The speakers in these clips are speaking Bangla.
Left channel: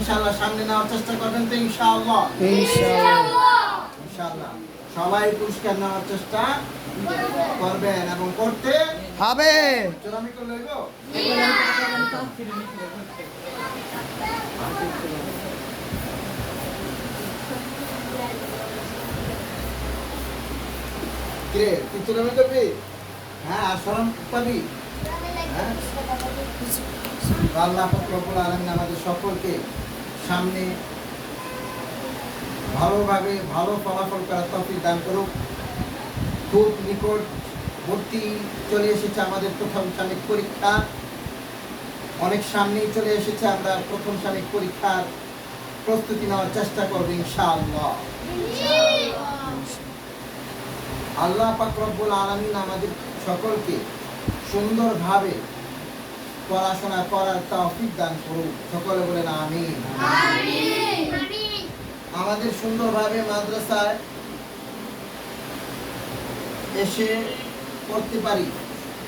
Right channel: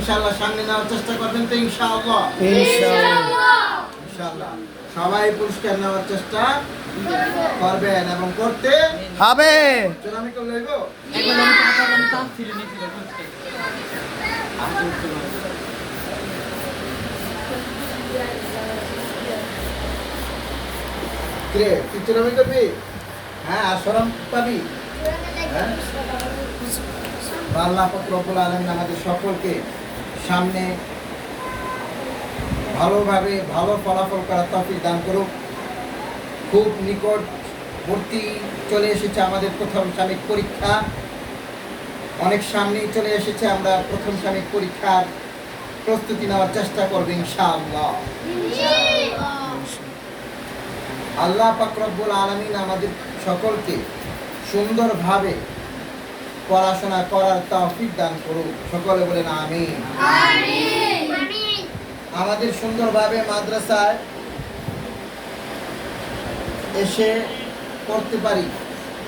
ইনশাআল্লাহ সামনে নেওয়ার চেষ্টা করবেন তো ইনশাআল্লাহ। ইনশাআল্লাহ সবাই পুরস্কার নেওয়ার চেষ্টা করবেন এবং করতে হবে। আমি কেউ লইব কে তুই চুরামি করবি? হ্যাঁ আর শরম পাবি। হ্যাঁ আল্লাহ পাক রব্বুল আলামিন আমাদের সকলকে সামনে ভালোভাবে ভালো ফলাফল করার তৌফিক দান করুক। খুব নিকটবর্তী চলে এসেছে আমাদের প্রথম সাময়িক পরীক্ষা, অনেক সামনেই চলে এসেছে। আমরা প্রথম সাময়িক পরীক্ষার প্রস্তুতি নেওয়ার চেষ্টা করবো ইনশাআল্লাহ। আল্লাহ পাক রব্বুল আলামিন আমাদের সকলকে সুন্দরভাবে পড়াশোনা করার তৌফিক দান করুক। সকলে বলেন আমিন। আমাদের সুন্দরভাবে মাদ্রাসায় এসে পড়তে পারি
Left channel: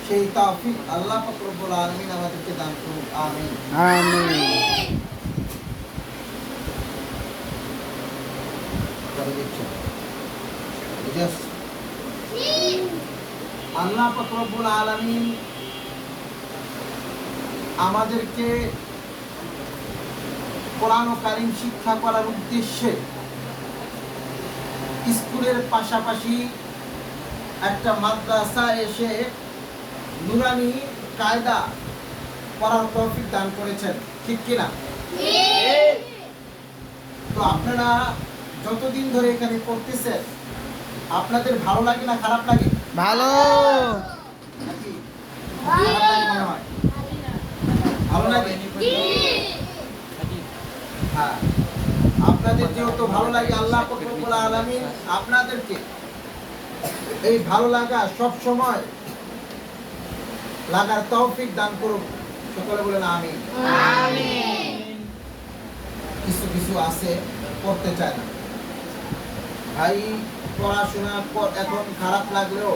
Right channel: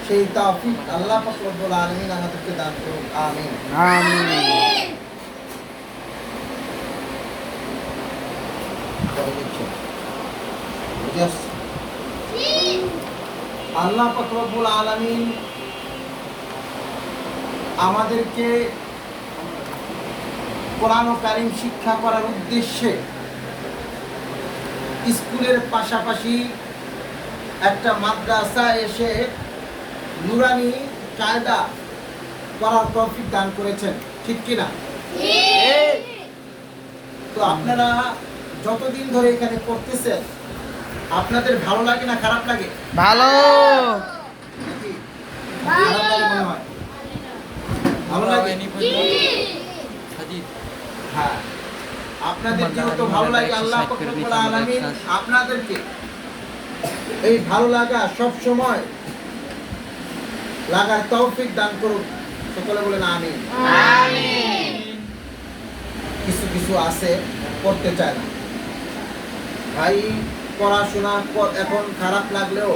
সেই তৌফিক আল্লাহ পাক রব্বুল আলামিন আমাদেরকে দান করুন। আমিন আমিন। আল্লাহ পাক রব্বুল আলামিন আমাদেরকে কোরআন ও কারীম শিক্ষা করার উদ্দেশ্যে স্কুলের পাশাপাশি একটা মাদ্রাসা এসে নুরানি কায়দা পড়ার তৌফিক দান করেছেন, ঠিক কিনা? তো আপনারা যতদিন ধরে এখানে পড়তেছেন আপনাদের ভালো লাগে না খারাপ লাগে? ভালো। নাকি খারাপ লাগে মনে হয়? ভালো লাগে? হ্যাঁ, আপনাদের যেহেতু ভালো লাগে আল্লাহ পাক রব্বুল আলামিন আপনাদেরকে এই ভালো লাগা সব সময় লাগার তৌফিক দান করুন। সকলে বলেন আমিন। কিছু কিছু আছে করতে চায় না ভাই, পড়াশোনা এখন খারাপ লাগলেও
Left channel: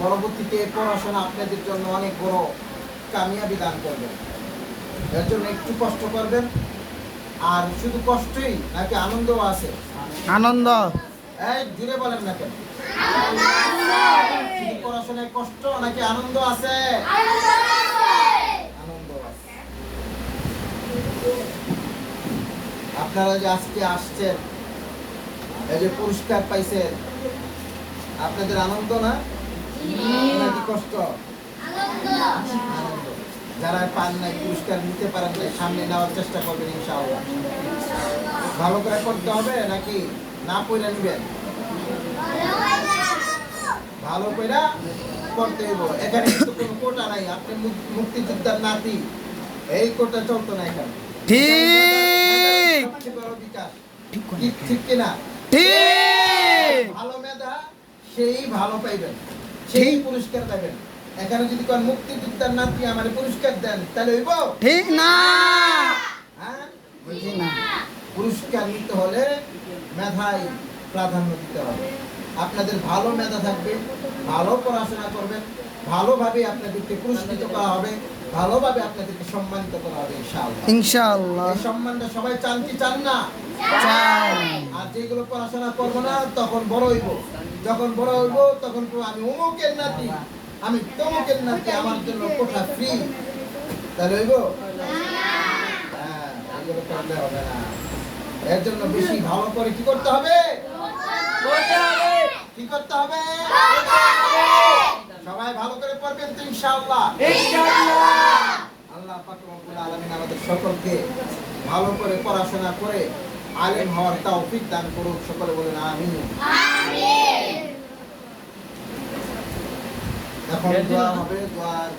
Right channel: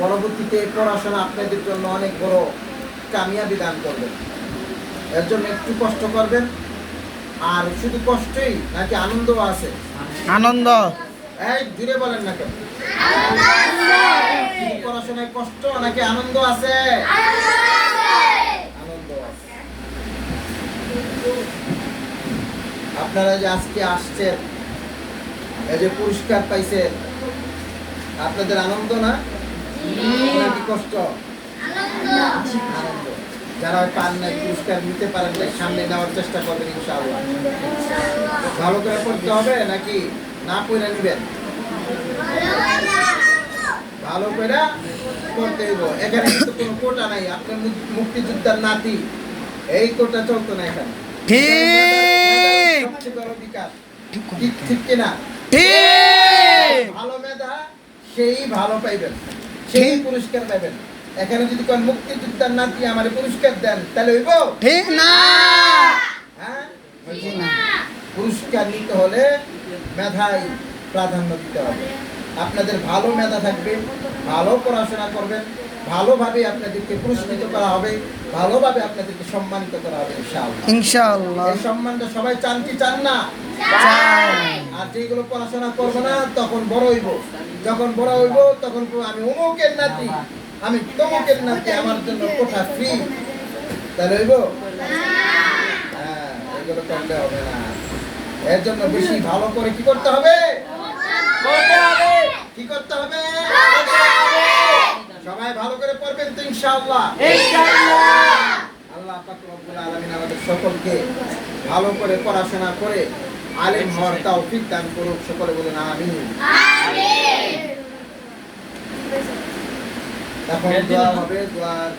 পরবর্তীতে পড়াশোনা আপনাদের জন্য অনেক বড় কামিয়াবি দান করবে। এর জন্য একটু কষ্ট করবেন। আর শুধু কষ্টই নাকি আনন্দ আছে? আনন্দ। এই জুড়ে বলেন না কেন? শুধু পড়াশোনায় কষ্ট নাকি আনন্দ আছে? আনন্দ আছে। আপনারা যে আজকে আসছেন, এই যে পুরস্কার পাইছেন, আপনাদের আনন্দ না নাকি কষ্ট? আনন্দ। যারা পান নাই, পুরস্কার নিতে পারেন নাই, সামনে নেওয়ার চেষ্টা করবেন ইনশাআল্লাহ। ভালো করে পড়তে হবে নাকি না পড়ে নিবেন? ভালো করে পড়তে হইব। এখানে কিন্তু কোনো কোটা নাই। আপনার মুক্তিযোদ্ধার নাতি, এই কোটা চলতো না এখানে। ঠিক। সবচেয়ে বড় বিকাশ, ঠিক কিনা? ভালো মেধা সেই ভালো পাইবেন, সেই পুরস্কার পাইবেন। এখানে যদি কোন মুক্তিযোদ্ধার নাতি আমার পুরস্কার দেন তাহলে হইব? ঠিক না। হ্যাঁ, পুরস্কার নিতে হলে মেধায় প্রাধান্য দিতে হবে। আপনাদের ভালো মেধা থাকবে, ভালো পড়াশোনা করবেন, ভালোভাবে আপনাদেরকে পুরস্কৃত করা হবে, ভালোভাবে আপনাদেরকে সম্মানিত করা হবে ইনশাআল্লাহ। ইনশাআল্লাহ। এই সম্মানটা সবাই চান কি চান না? চাই। আর যেগুলো পড়াশোনা করবো না তখন বড় হইব, যখন বড় হইব তখন আমি অমুকের নাতি, আমি তমুকের নাতি, আমার জন্য কোঠা ফ্রি, তাহলে হইব? হ্যাঁ, এগুলো করলে হবে না। এর জন্য বেশি ভালো করে কি করতে হবে? কি করতে হবে? সবাই ভালো করে পড়বেন তো ইনশাআল্লাহ। আল্লাহ পাক রব্বুল আলামিন আমাদের সকলকে ভালো করে পড়াশোনা করে আলেম হওয়ার তৌফিক দান করুক। সকলে বলেন আমিন। এখন দোয়া হবে, দোয়ার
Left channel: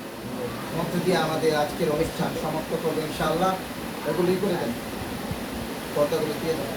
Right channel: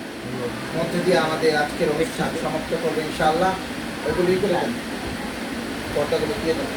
মধ্যে দিয়ে আমাদের আজকের অনুষ্ঠান সমাপ্ত করবে ইনশাআল্লাহ। এগুলোই করে দেন, কথাগুলো দিয়ে দেন।